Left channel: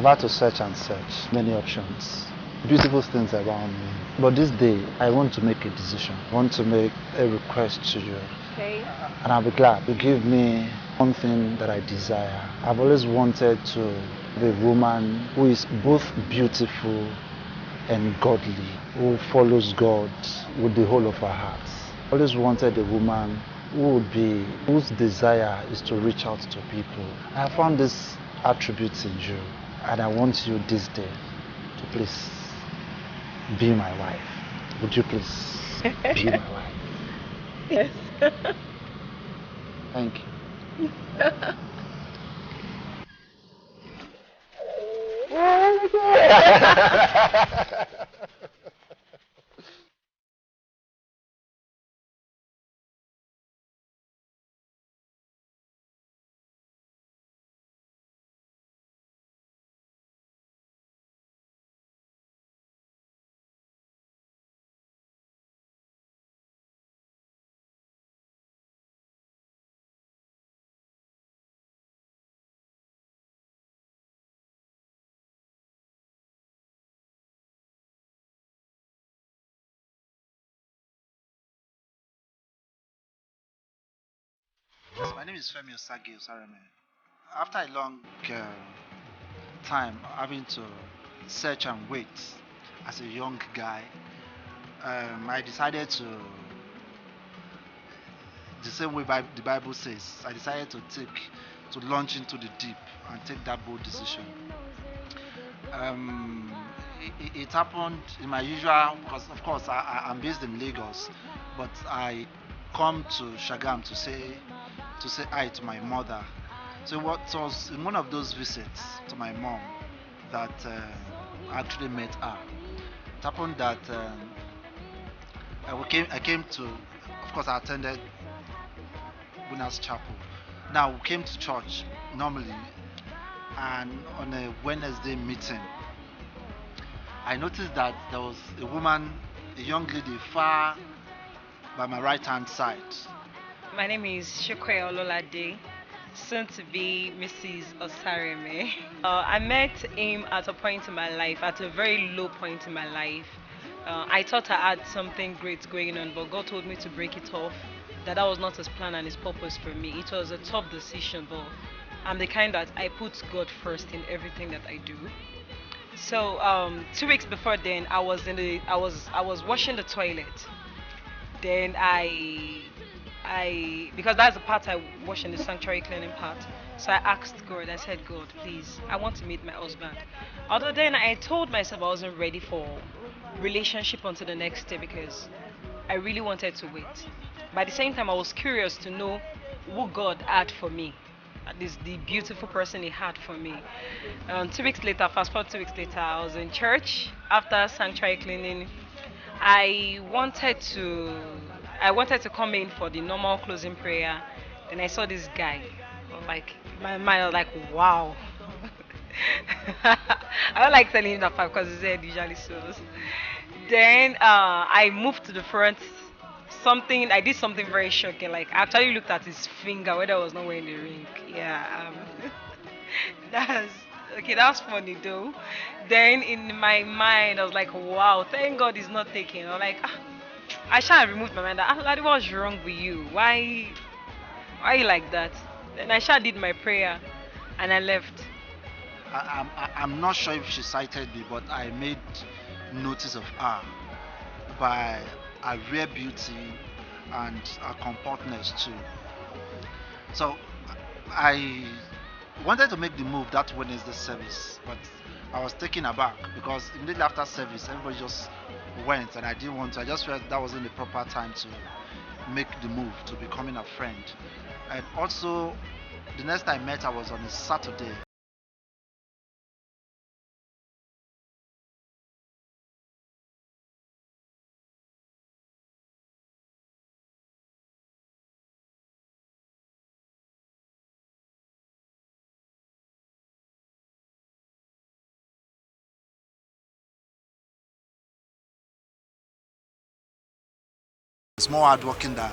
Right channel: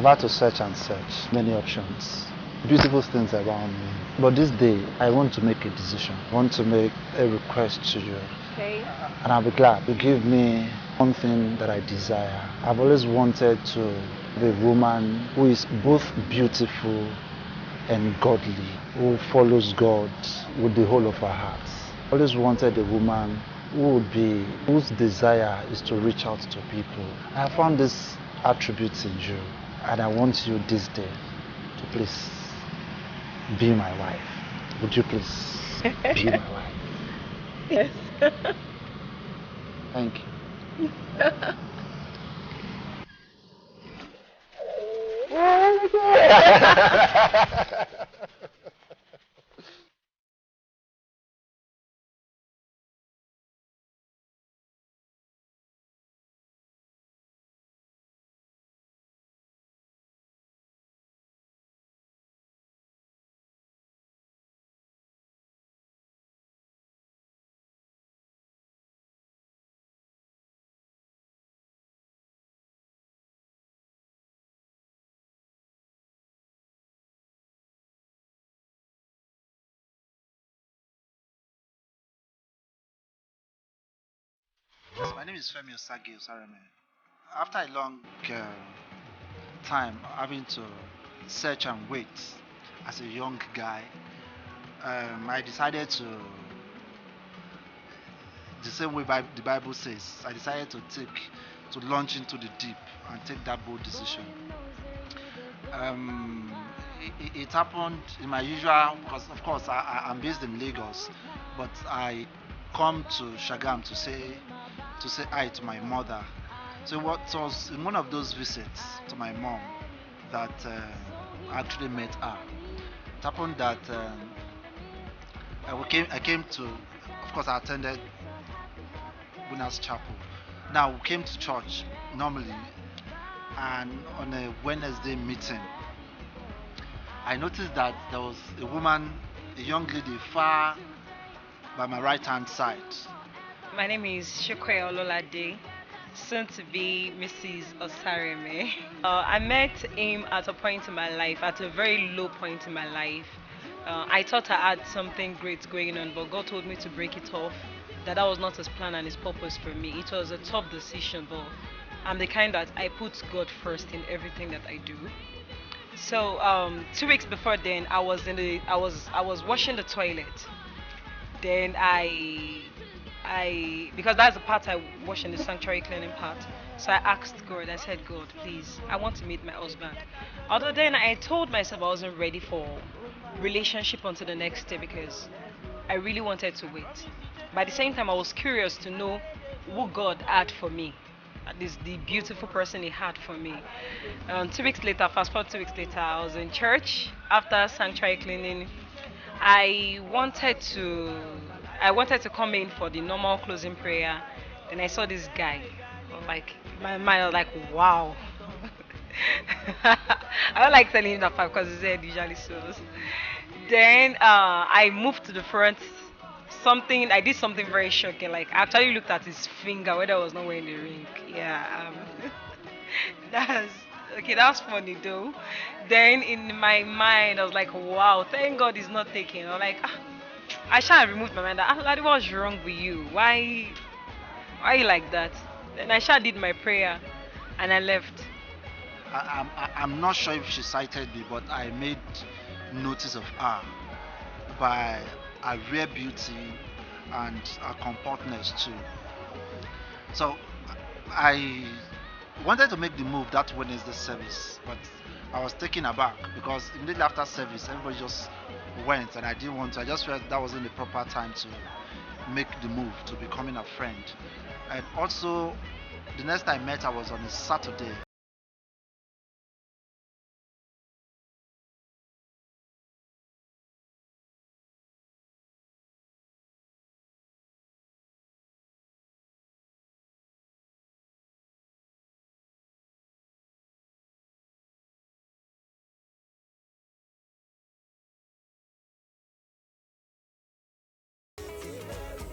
I've had to search and search many options, beautiful things around me. But this day, I want to make a decision. I want to make a request to you. Okay. And I'll be glad to give me one thing that I desire. I've always wanted to be a woman who is both beautiful and godly, who follows God with the whole of her heart. I always wanted a woman whose desire is to reach out to people. I have found this attributes in you, and I want you this day to please be my wife. Would you please be my wife? Yes. Thank you. Yes, my name is Femi Osareme. After a long time having to search and wait as a young guy, I decided the same way the Bible says, I decided to launch into the deep and take that bold decision. Um, it happened in my usual, because of course I'm based in Lagos, but I come to Shagam to say hi to my mother. So what was in one of those visits to my mom that I actually met her. It happened that I came to, of course I attended Winners Chapel. Now we came to church normally, and on a Wednesday meeting, I noticed that there was a woman, a young lady far by my right hand side. My name is Shukwe Ololade, soon to be Mrs. Osareme. I met him at a point in my life, at a very low point in my life. I thought I had something great going on, but God told me to break it off. That was not His plan and His purpose for me. It was a tough decision, but I'm the kind that I put God first in everything that I do. So 2 weeks before then, I was washing the toilet. Then I because that's the part I wash in the sanctuary cleaning part. So I asked God, I said, God, please, I want to meet my husband. Although then I told myself I wasn't ready for relationship until the next day because I really wanted to wait. But at the same time, I was curious to know who God had for me. At least the beautiful person He had for me. 2 weeks later, fast forward 2 weeks later, I was in church after sanctuary cleaning. I wanted to I wanted to come in for the normal closing prayer. Then I saw this guy. Like my mind was like, wow. I don't like telling him that part because his head usually shows. Then I moved to the front. Something I did something very shocking. Like I actually looked at his finger whether I was not wearing the ring. Yeah. That's okay. That's funny though. Then in my mind, I was like, wow, thank God he's not taking. I'm like, I shall remove my mind. Like, what's wrong with you? Why you like that? Then I shall did my prayer, and I left. I'm not sure if she cited me, but I made notice of her by her rare beauty and her compactness too. So I wanted to make the move that Wednesday service, but I was taken aback because immediately after service, everybody just went, and I didn't want to. I just felt that wasn't the proper time to make the move to becoming a friend. And also, the next time I met her was on a Saturday. It's more hardworking than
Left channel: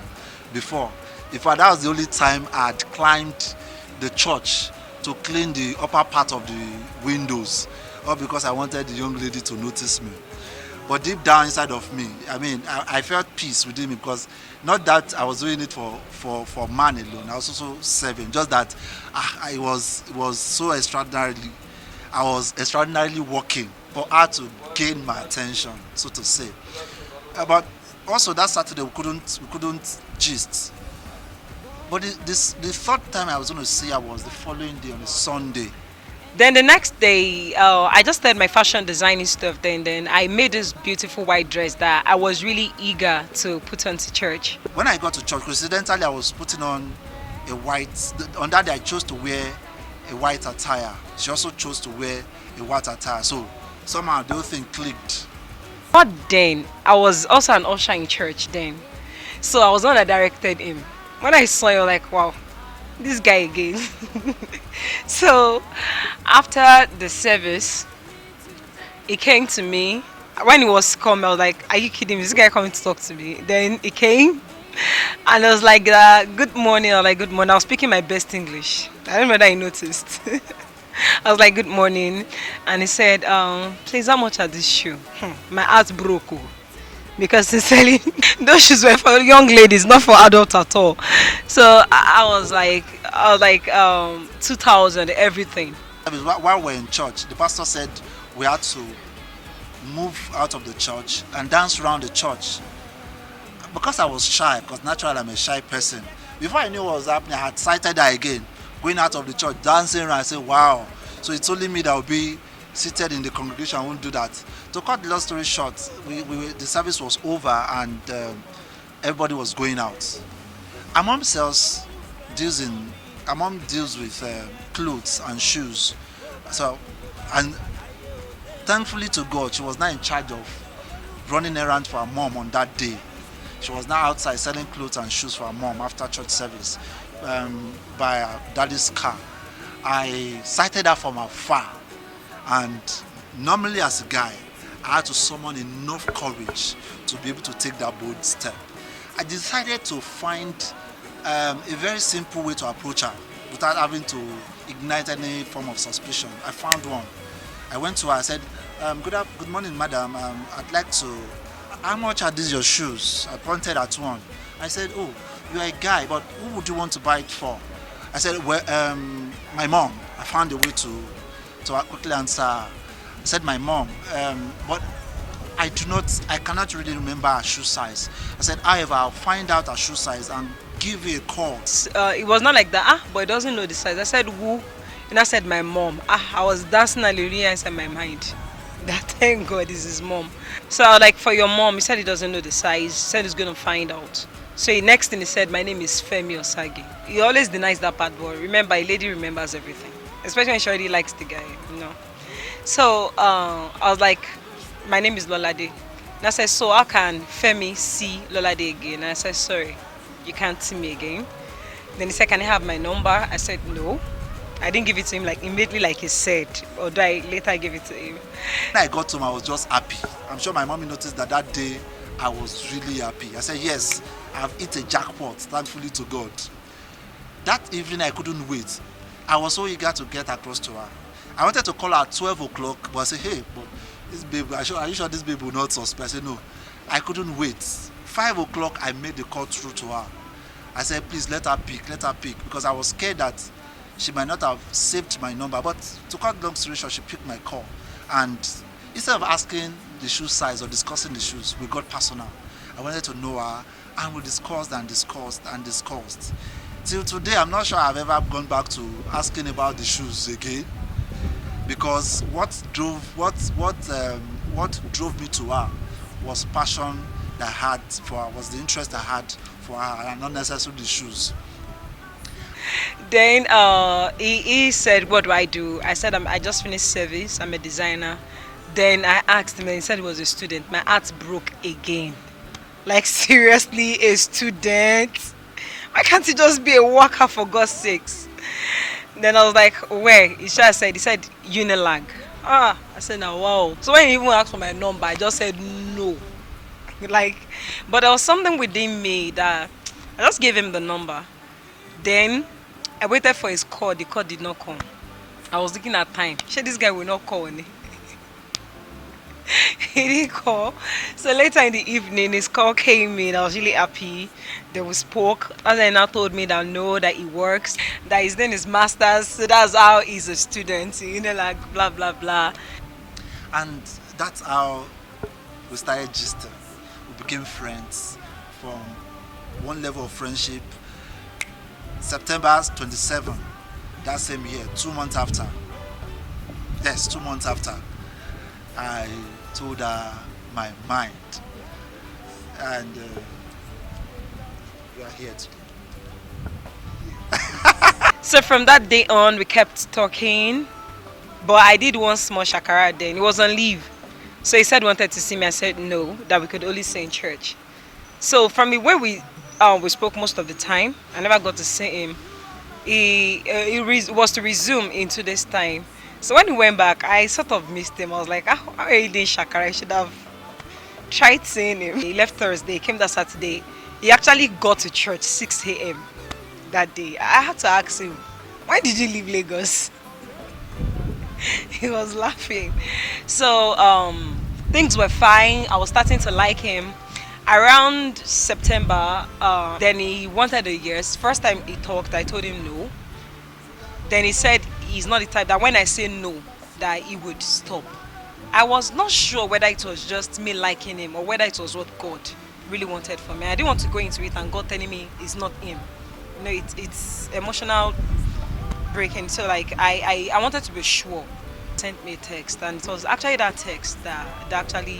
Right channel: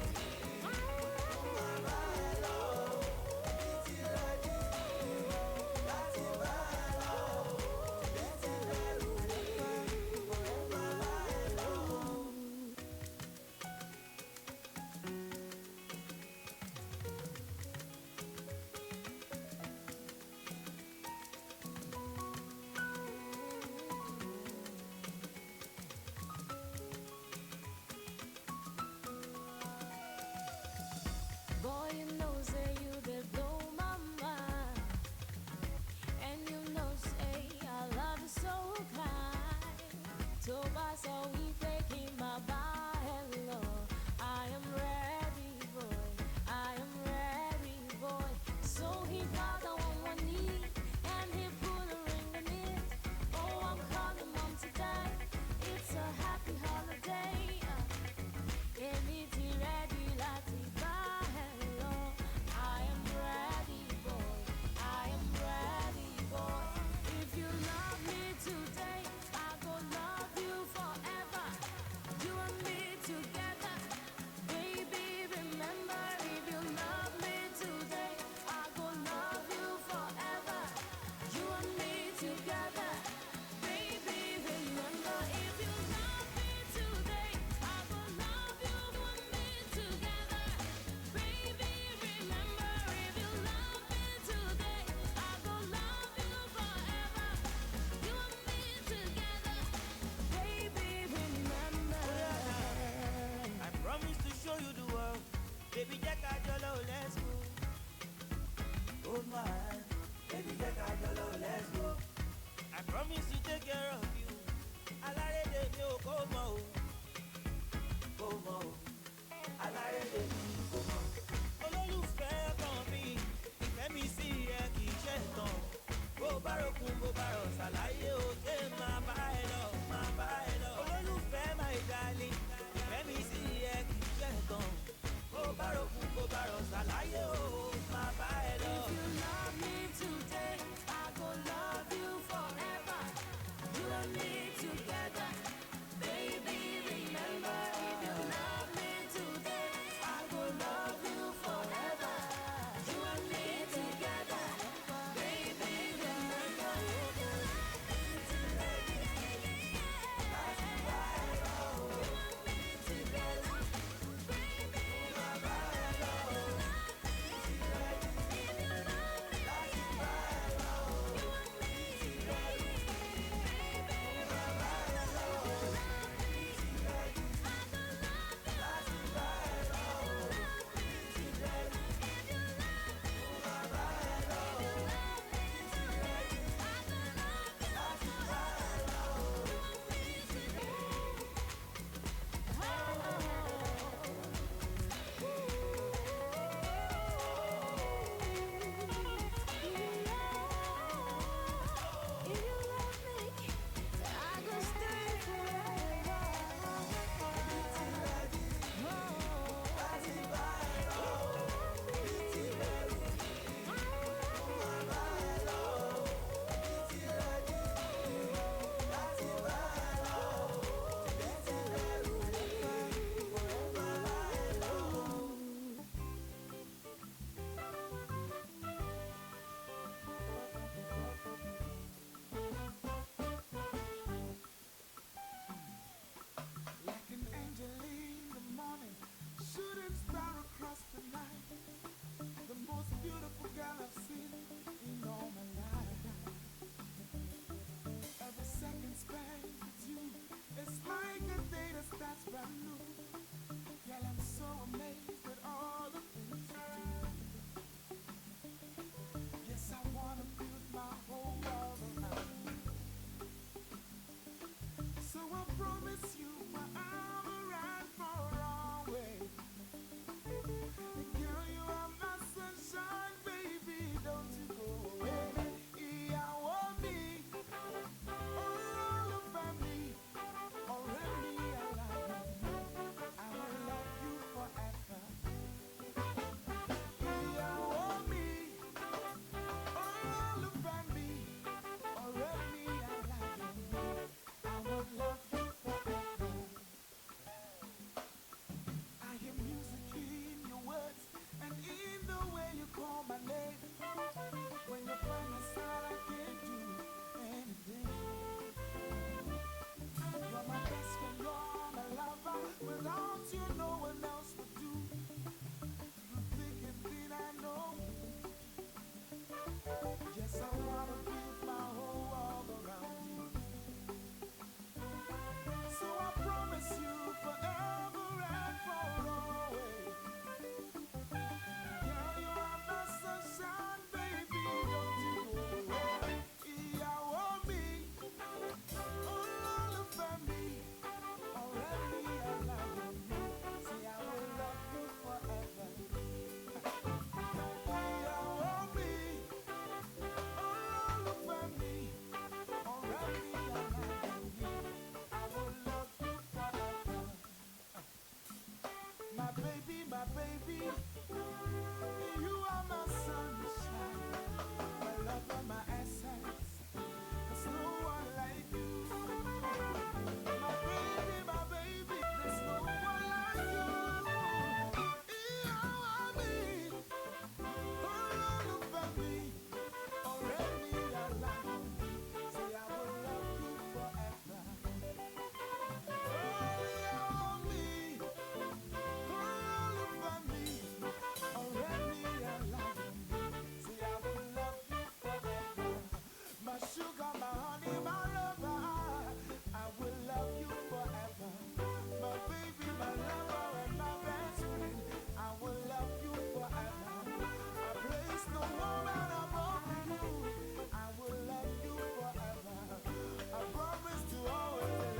before. In fact, that was the only time I'd climbed the church to clean the upper part of the windows, all because I wanted the young lady to notice me. But deep down inside of me, I mean, I felt peace within me, because not that I was doing it for man alone. I was also serving. Just that it was so extraordinarily, I was extraordinarily working for her to gain my attention, so to say. But also that Saturday we couldn't gist. But the third time I was going to see her was the following day on a Sunday. Then the next day, I just started my fashion designing stuff. Then I made this beautiful white dress that I was really eager to put on to church. When I got to church, coincidentally, I was putting on a white. On that day, I chose to wear a white attire. She also chose to wear a white attire. So somehow the whole thing clicked. But then I was also an usher in church then, so I was the one that directed him. When I saw you, like, wow, this guy again. So after the service, he came to me. When he was coming, I was like, "Are you kidding me? This guy coming to talk to me?" Then he came, and I was like, "Good morning." I was like, "Good morning." I was speaking my best English. I don't know whether he noticed. I was like, "Good morning," and he said, "Please, how much are this shoe?" My heart broke. Oh. Because sincerely, those shoes were for young ladies, not for adults at all. So I was like 2,000 everything. While we're in church, the pastor said we had to move out of the church and dance around the church. Because I was shy, because naturally I'm a shy person. Before I knew what was happening, I had sighted her again, going out of the church, dancing around. I said, wow. So it's only me that will be seated in the congregation. I won't do that. To cut the long story short, the service was over, and everybody was going out. Our mom deals in our mom deals with clothes and shoes. So, and thankfully to God, she was not in charge of running errands for her mom on that day. She was now outside selling clothes and shoes for her mom after church service, by her daddy's car. I sighted her from afar, and normally as a guy, I had to summon enough courage to be able to take that bold step. I decided to find a very simple way to approach her without having to ignite any form of suspicion. I found one. I went to her. I said, "Good morning, madam. I'd like to. How much are these your shoes?" I pointed at one. I said, "Oh, you're a guy, but who would you want to buy it for?" I said, "Well, my mom." I found a way to quickly answer. I said, "My mom, but I cannot really remember her shoe size." I said, "However, I'll find out her shoe size and give you a call." It was not like that. But he doesn't know the size. I said, "Who?" And I said, "My mom." I was dancing and really inside my mind. That thank God is his mom. So I was like, "For your mom," he said he doesn't know the size. He said he's gonna find out. So the next thing he said, "My name is Femi Osagi." He always denies that part, but remember, a lady remembers everything, especially when she already likes the guy, you know. So I was like, "My name is Lolade." And I said, "So how can Femi see Lolade again?" And I said, "Sorry, you can't see me again." Then he said, "Can I have my number?" I said, "No." I didn't give it to him like immediately, like he said, although I later gave it to him. When I got home, I was just happy. I'm sure my mommy noticed that day I was really happy. I said, "Yes, I've hit a jackpot, thankfully to God." That evening, I couldn't wait. I was so eager to get across to her. I wanted to call her at 12 o'clock, but I said, "Hey, this babe, are you sure this babe will not suspect?" I said, "No." I couldn't wait. 5 o'clock, I made the call through to her. I said, "Please let her pick, because I was scared that she might not have saved my number." But to cut long story short, she picked my call. And instead of asking the shoe size or discussing the shoes, we got personal. I wanted to know her, and we discussed and discussed and discussed. Till today, I'm not sure I've ever gone back to asking about the shoes again, because what drove me to her was passion that I had for her, was the interest I had for her, and not necessarily the shoes. Then he said, "What do I do?" I said, I just finished service. I'm a designer." Then I asked him, and he said he was a student. My heart broke again. Like, seriously, a student? Why can't he just be a worker, for God's sakes? Then I was like, "Where?" He said, "Unilag." I said, "Now, wow." So when he even asked for my number, I just said no. Like, but there was something within me that I just gave him the number. Then I waited for his call. The call did not come. I was looking at time. Sure, this guy will not call. He didn't call. So later in the evening, his call came in. I was really happy. They we spoke. And then now told me that no, that he works, that his name is Masters. So that's how he's a student. Like blah blah blah. And that's how we started gisting. We became friends from one level of friendship. September 27, that same year, 2 months after. Yes, 2 months after. I told her my mind, and we are here So from that day on, we kept talking. But I did one small shakara then. He was on leave. So he said he wanted to see me. I said no, that we could only say in church. So from the way we spoke most of the time, I never got to see him. He was to resume into this time. So when he went back, I sort of missed him. I was like, how are you doing shakara? I should have tried seeing him. He left Thursday, he came that Saturday. He actually got to church 6 a.m. that day. I had to ask him, why did you leave Lagos? He was laughing. So things were fine. I was starting to like him. Around September, then he wanted a yes. First time he talked, I told him no. Then he said he's not the type that when I say no, that he would stop. I was not sure whether it was just me liking him or whether it was what God really wanted for me. I didn't want to go into it and God telling me it's not him. It's emotional breaking. So like I wanted to be sure. Sent me a text, and it was actually that text that actually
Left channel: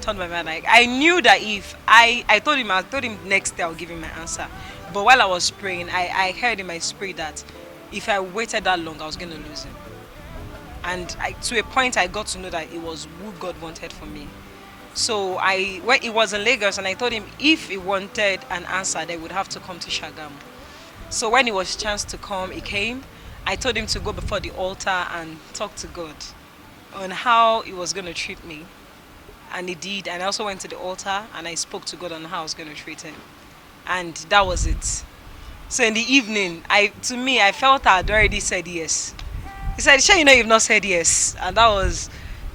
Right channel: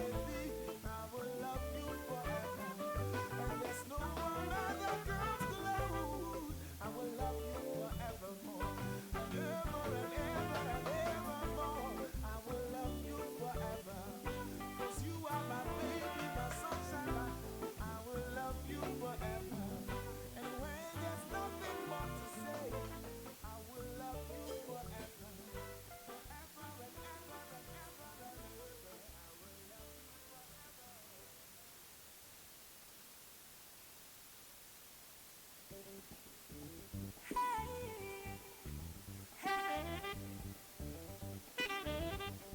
turned my mind. Like I knew that if I told him next day I'll give him my answer. But while I was praying, I heard in my spirit that if I waited that long, I was gonna lose him. And to a point, I got to know that it was who God wanted for me. So when he was in Lagos, and I told him if he wanted an answer, they would have to come to Shagam. So when it was chance to come, he came. I told him to go before the altar and talk to God on how he was going to treat me. And he did. And I also went to the altar and I spoke to God on how I was going to treat him. And that was it. So in the evening, to me, I felt I had already said yes. He said, sure, you've not said yes. And that was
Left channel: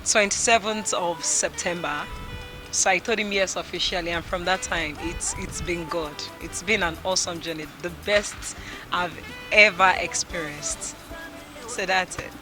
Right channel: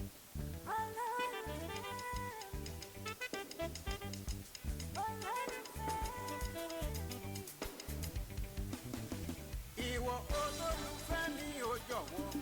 27th of September. So I told him yes officially, and from that time, it's been good. It's been an awesome journey, the best I've ever experienced. So that's it.